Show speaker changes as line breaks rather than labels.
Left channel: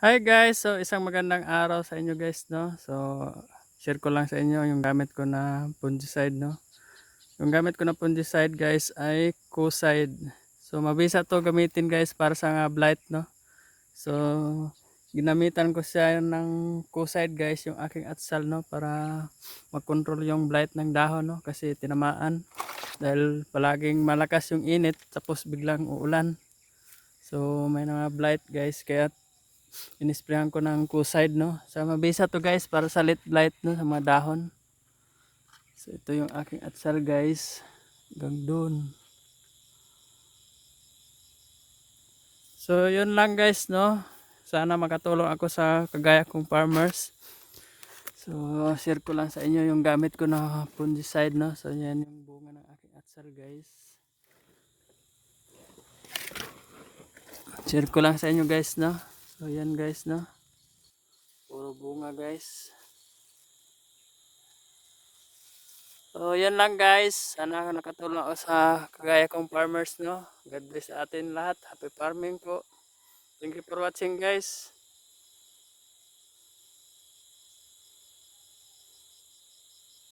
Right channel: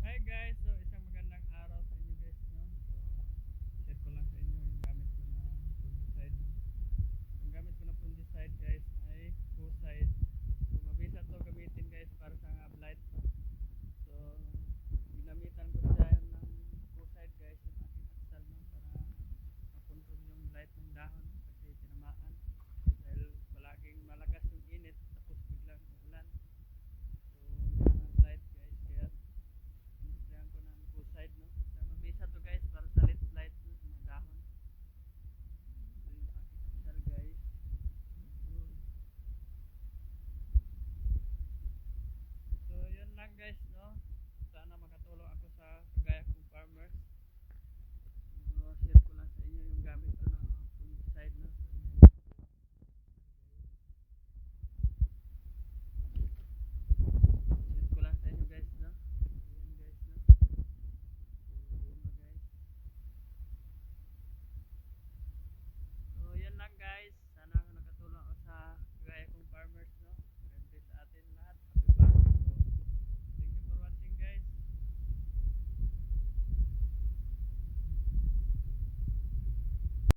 Hi guys, so isang magandang araw sa inyo guys no. So share ko lang sa inyo yung gamit ko na fungicide no. Yung gamit ko na fungicide guys ay Coside. So mabisa to gamitin guys para sa nga blight no. So ginamitan ko siya ng Coside guys yung aking atsal no para makontrol yung blight ng dahon no kasi tinamaan dahil palaging malakas yung init tapos biglang uulan. So may mga blight guys kaya inisprayan ko ng Coside no? Sa mabisa to guys para sa lit blight no? Sa mga dahon. So ito yung aking atsal guys. Hanggang doon. So yun lang guys no? Sana makatulong ako sa kagaya kong farmers. So share ko lang sa inyo yung gamit ko na fungicide no? So yan yung bunga ng aking atsal guys. Share ko lang sa inyo guys no So yan guys no. Puro bunga guys. So yan lang guys. Sana nakatulong ako sa kagaya kong farmers no. God bless atin lahat. Happy farming po. Thank you for watching guys.